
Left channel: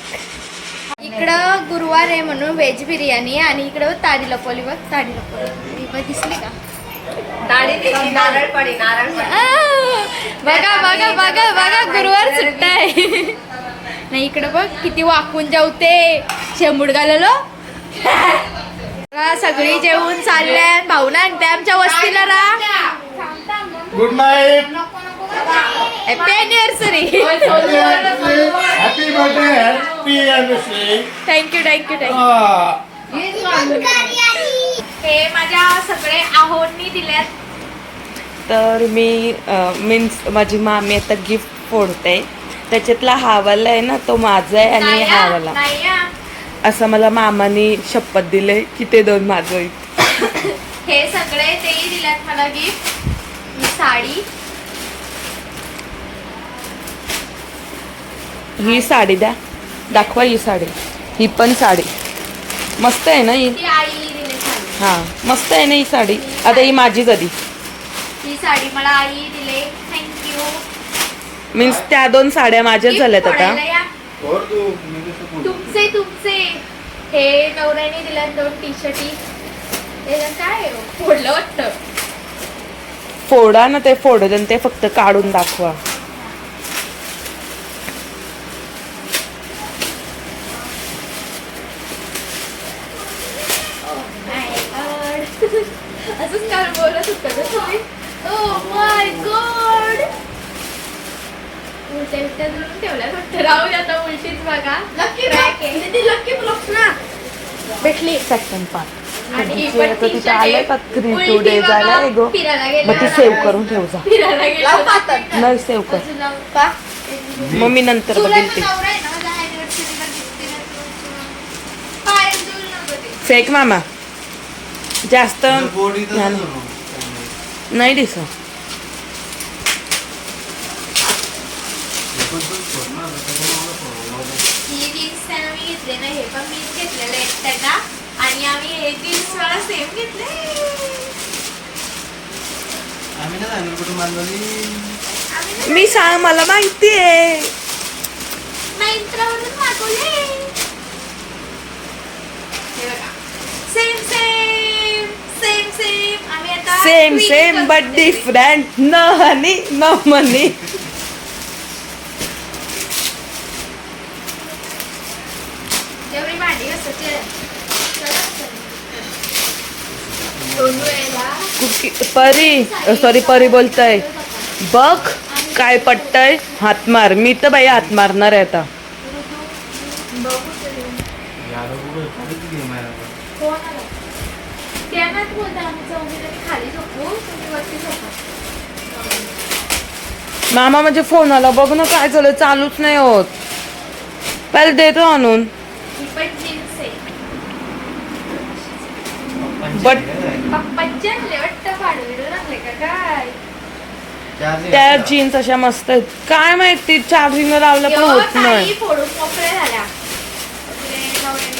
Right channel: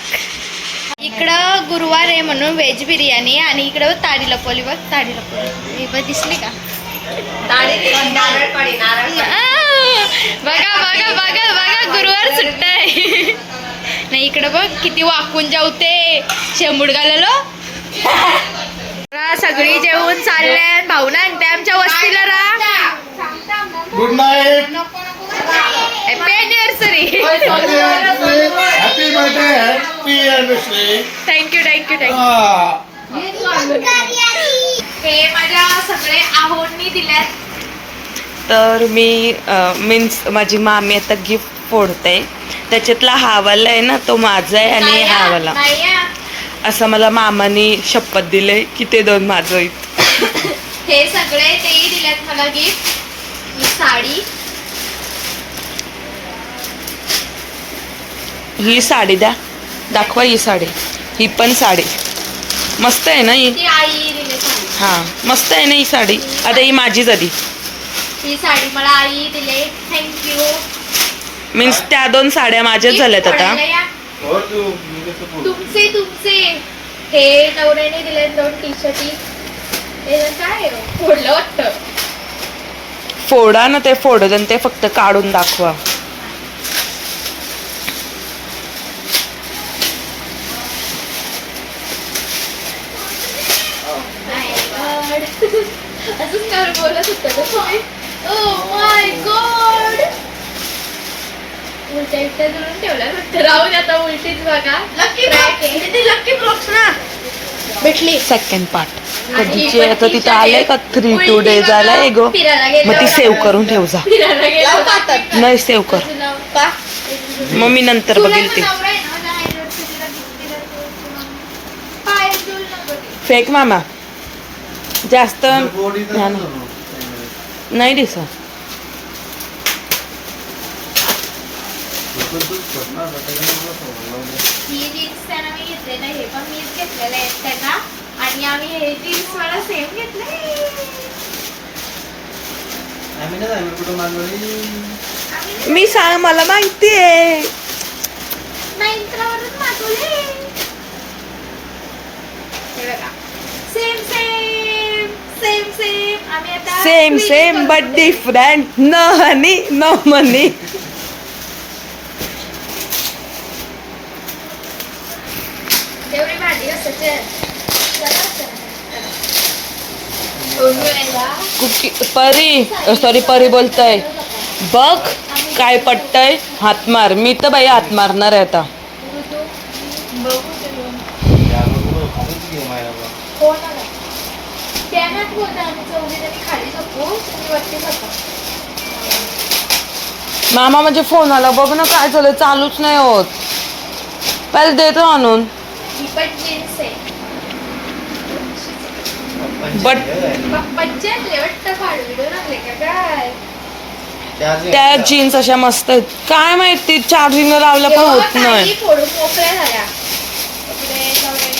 इकडं गुरुवार आहे म्हणून व्हेज बिर्याणी. आणि इकडं ताडी लपवली बघ. ताडी लपवली बघ दिसली का. बघा बघा बघा बघा गुरुवार सुट्टा आहे. नाही इकडे बघ किती वाकून जेवते शेंबूड घाललो. सगळी जेवून चालल्या. भाऊ ना ते आमच्या वस्तीला राहा. Good night. Happy anniversary. Happy birthday. Happy anniversary. Thank you thank you thank you. हे माझ्या सगळे आहोंनी दिल्यात. तर मी मीन्स माझी मामी आता गिफ्ट फोडते. त्याच्यातला हा वाला आहे ना तो माझा आहे आणि हा वाला असं मला मामानी शपथ दिले की ते दोन माझं आहेत. हे सगळे तेही दिल्यात मला गिफ्ट. ही साडी, ही साडी द्या दाखवा. ही साडी, ही पण साडी मस्त आहे ना ही. ती आई दिली साडी. हा मस्त आहे ना ही साडी. आता ही माझीच आधी. ही साडी मला आई दिले. थँक्यू. मीन्स त्या दोन साड्या माझ्याच झाल्यात आता. तुमचे तुमचे हे नवऱ्याने दिले 2 टी शर्टी. हे काय आहे हो? फोडलं वाटतं. फोडा ना ते फोडत आणि ते फक्त काढून दाखवा. असंच नवरा बोलत होतं. Oh my God. उलट्या इट्ट्या जुळून ठेवल्या फक्त. राहू द्या आता उलटीच बघा. लकी ब्लॉक्स ना भेटली. सेकंड पार्ट कधीची आहे तो तिथे आलंय का 3 2 days आलाय गो. मग ती सेव्ह करून ठेव जा. फिरायला गेलो. नाही सेव्ह कर मग मी नंतर बघेल ते. फेक मामा जास्त नाही दिसत. ही जीन्स त्यांना मी घेतले नाही. हे पण मीच घेतलेलं आहे त्यांना. आणि आम्ही हे जीन्स मला सेम घेतले. आम्ही ना आम्ही कुठं मागवली. मी सांग मला माहिती आहे. मिंत्रावरून मागवले. हे बघा सेम सेम सेम सेम. आम्ही आता same same but different. No honey no money. तेवढी भांडी असायचे. कुकी परी सॉरी परी बोलताय. बघ काय पटतय. हात मार. मी तर बाई हात मारणार आहे आता. मामा म्हणजे फोन आला बघ ना काय झालं. चालूच नाही होत. पहिले देतो आणून. बट त्या जीन्स अशा मस्त आहेत. काय माहिती चार्जिंग लावलं पण होत नाही. फोडून मोकळ्या झाल्या.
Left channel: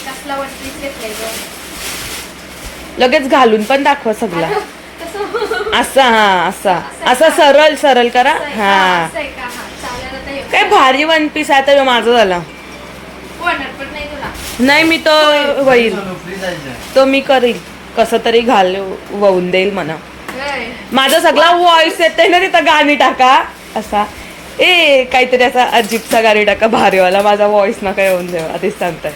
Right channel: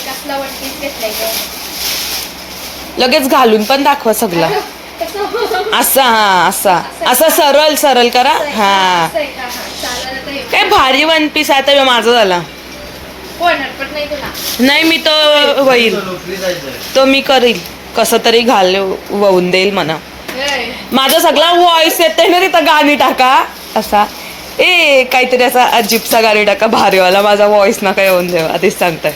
कसला वरतीच घेतलाय लगेच घालून पण दाखवा सगळा. असा हा असा असा सरळ सरळ करा. हा काय भारी वन पीस आहे. आता माझा झाला. नाही मी तो होईल तो मी करील कसं तरी वाहून देईल म्हणा. माझा सगळा वॉइस येतोय ना तिथं. गाणी टाका असा काहीतरी असा अजिबसा गाणी टाका भारीवाला. माझा वॉइस नका येऊन देऊ आधीच सांगताय.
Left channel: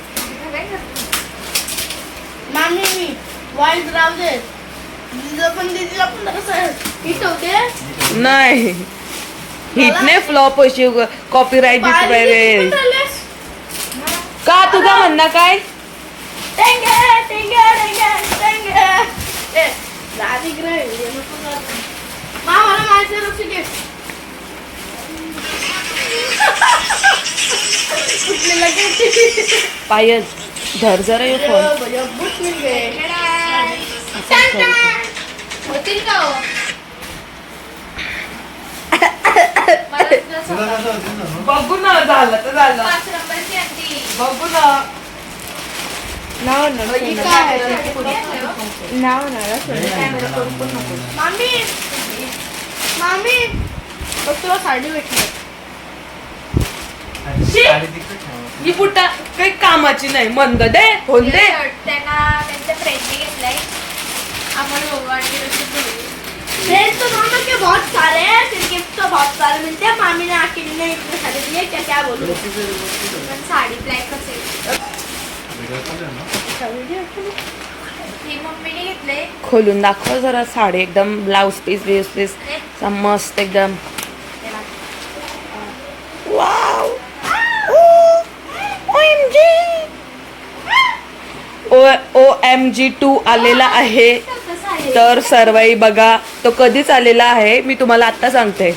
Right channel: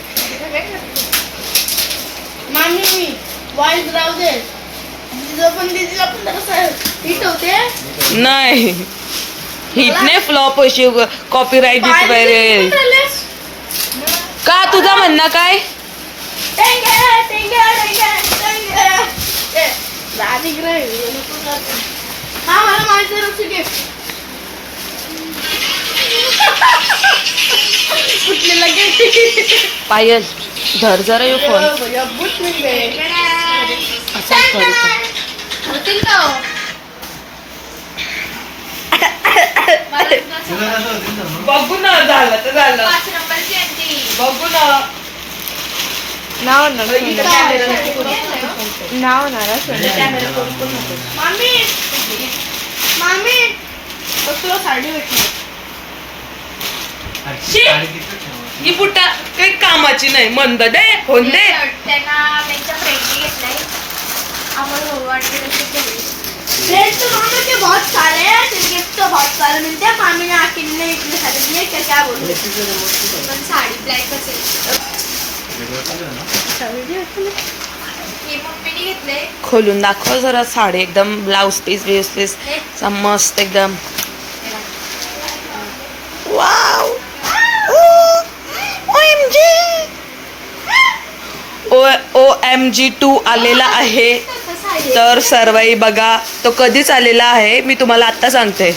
नाही हिटने फ्लॉप अशी कॉपीराईट दिसत का. तुझं म्हणणं काय. पायल धर जरा येऊ फोन. बघू ना झालं तर झालं. बघू ना नाव मामी मामी तुला साडी भेटली. ही बुटा काही कामाची नाही. मंद दे फोन दे. त्यांना त्यांच्या फ्रेंडने घेतलाय. आम्हाला भेज तो दोनों के बहुत सारे हैं, गिफ्ट तो बहुत सारे मिलते हैं। मामी ने आखिर ने इतने सारे दिए, क्या क्या बोलूं। पण साडी ब्लॅक असेल ही मम्मीने घेतले. खोलून दाखव जरा साडी एकदम ब्लाउज पीस मस्त एकदम. वाव OMG2 आलेला आहे. तर सर्वई बघा तो कधीच आलेला आहे मी तुम्हाला आता सांगते.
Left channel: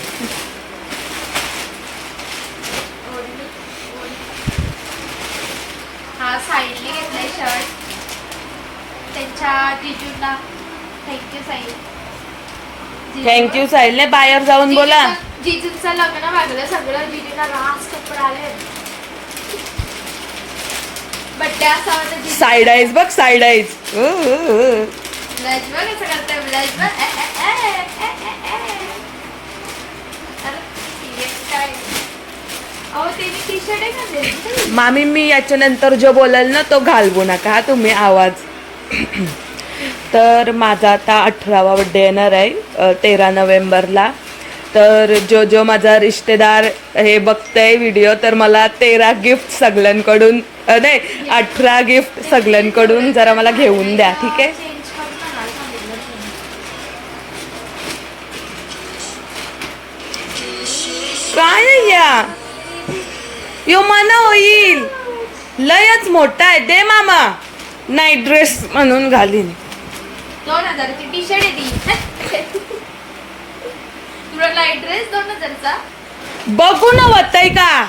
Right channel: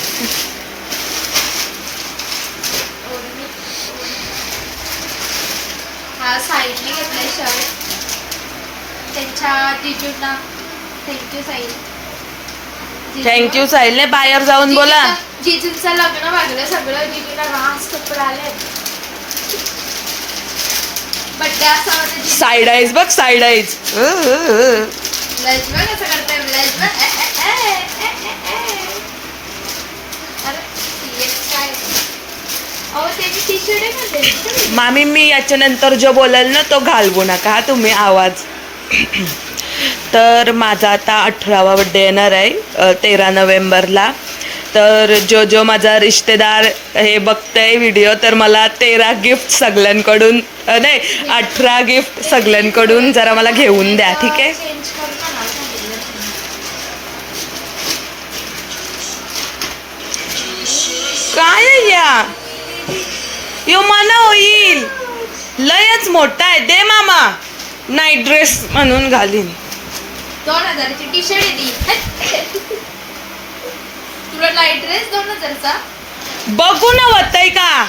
हा साईडने घेतलाय शर्ट त्यांच्या जिजूंना. थँक्यू साई. थँक्यू साहिलने बाहेर जाऊन बोला. जिजूंचं लग्न वागलं सगळं. जिजूला रास कपडे आले. बड्डे असा होता जिजू. साईड आईज बघ साईड आईज. ब्लश बघ कसं करताय. ब्लश बघ. अरे काय अहो ते मी टी शर्ट आहे मध्ये. मामी मी याच्यानंतर जो बोलाल ना तो घालवू नका तुम्ही आवाज. तर माझा आता 18वा बड्डे येणार आहे 13 नोव्हेंबरला. तर जो माझा रिश्तेदार हे बघतंय व्हिडिओ तर मला 13 गिफ्ट सगळ्यांकडून नाही 18 गिफ्ट सगळ्यांकडून जरा मला घेऊन द्या ठीक आहे. चेंज करून आम्हाला सांगितलं. काय आहे या यो मला होईल लयच मोठा आहे. दे मामा नाईट ड्रेस म्हणून घालीन. 2000ची टी शर्ट आहे ती. तुला लाईट ड्रेस 2000चा. बघू ना होतंय का.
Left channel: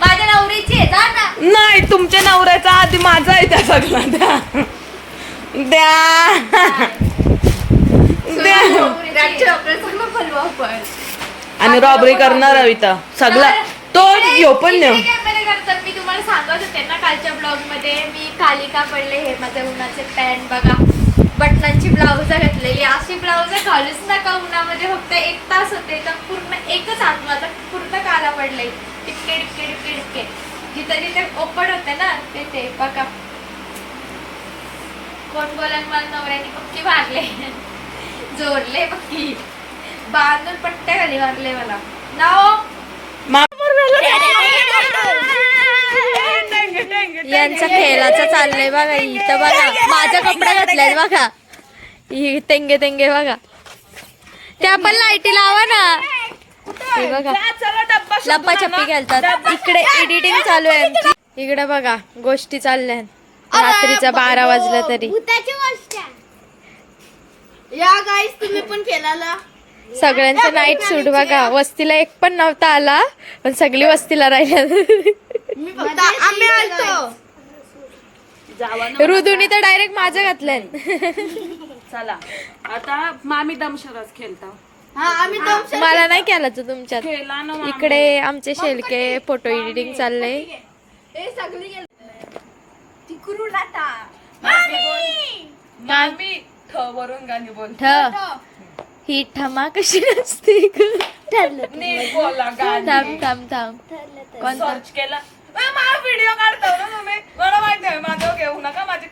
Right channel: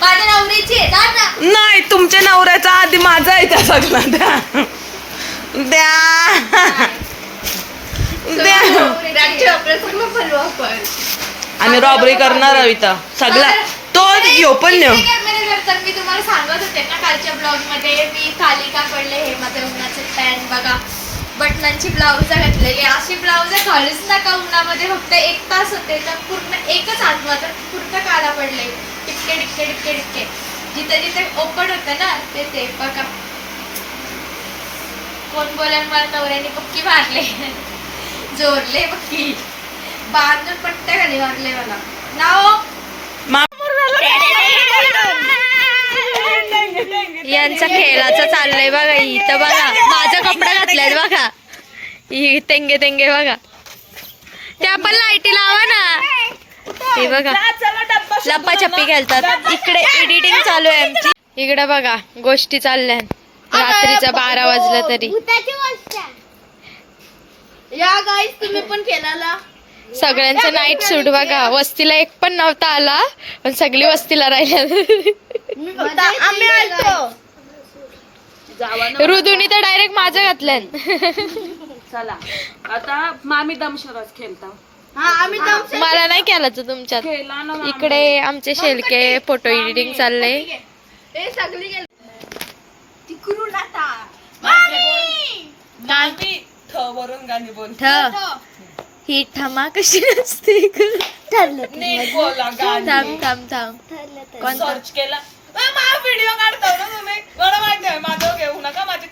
माझ्या नवरीची आहे जा ना. नाही तुमच्या नवऱ्याचा आधी माझा आहे त्या सगळा. द्या द्या द्या. आणि रॉबरी करणार आहे इथं सगळा तो यो पण नेऊ. मी तुम्हाला सांगत होते ना कालच्या ब्लॉग मध्ये मी खाली का पडले हे माझ्या उन्हाचे पॅन्ट बघा. बटनांची ब्लाउज घातलेली. अशी ब्लाउज घालूच नका उन्हामध्ये. फक्त 1 तास होते तर पूर्ण एकच आठवा तर पूर्ण काला पडले. टिपके टिपके टिपके टिपके जिथे जिथे ओपन होते ना ते बघा. कोण बोलाल मला नवऱ्याने पक्की मारले. जोरले पक्की बांधून पट्ट्या खाली मारले मला नाव. यांचा खेळाचं चाललंय बघा. इथं बघा माझा कपडा घातलाय बघा. ही तेंगे तेंगे बघा. त्या पण लाईटी लावा ना. हे बघा लप्पाछप्पी खेळतात. इकडे एडिटिंग चालू आहे आमची. इकडे बघा गोष्टी चालल्या. रात्रीचा 12 वाजला तरी. भूताची गोष्ट या गाईस तुम्ही पण खेळाला. सगळ्यांचं नाईट सूट बघा. वस्तीला एक पण नव्हता आला पण सगळी वस्तीला राहिल्या. आम्ही आलतो. ऋतूनी तर डायरेक्ट माझं घातल्यान. चला आता मामी दमशरास खेळता. हा आम्ही दम मला नाही केला तर तुमच्यात. खेळला ना इकडे आमचे शेलके फोटो एडिटिंग चाललंय. हे सगळी गेली तिकडून आता. मामी ठ वरून गाणी बोल. ही ठमा कशी नसते. नीट बोला गाणी. थांब थांब थांब. कोणता सर्च केला व्हिडिओ काढतो ना तुम्ही. मला माहिती आहे माझं घेऊ नका माझे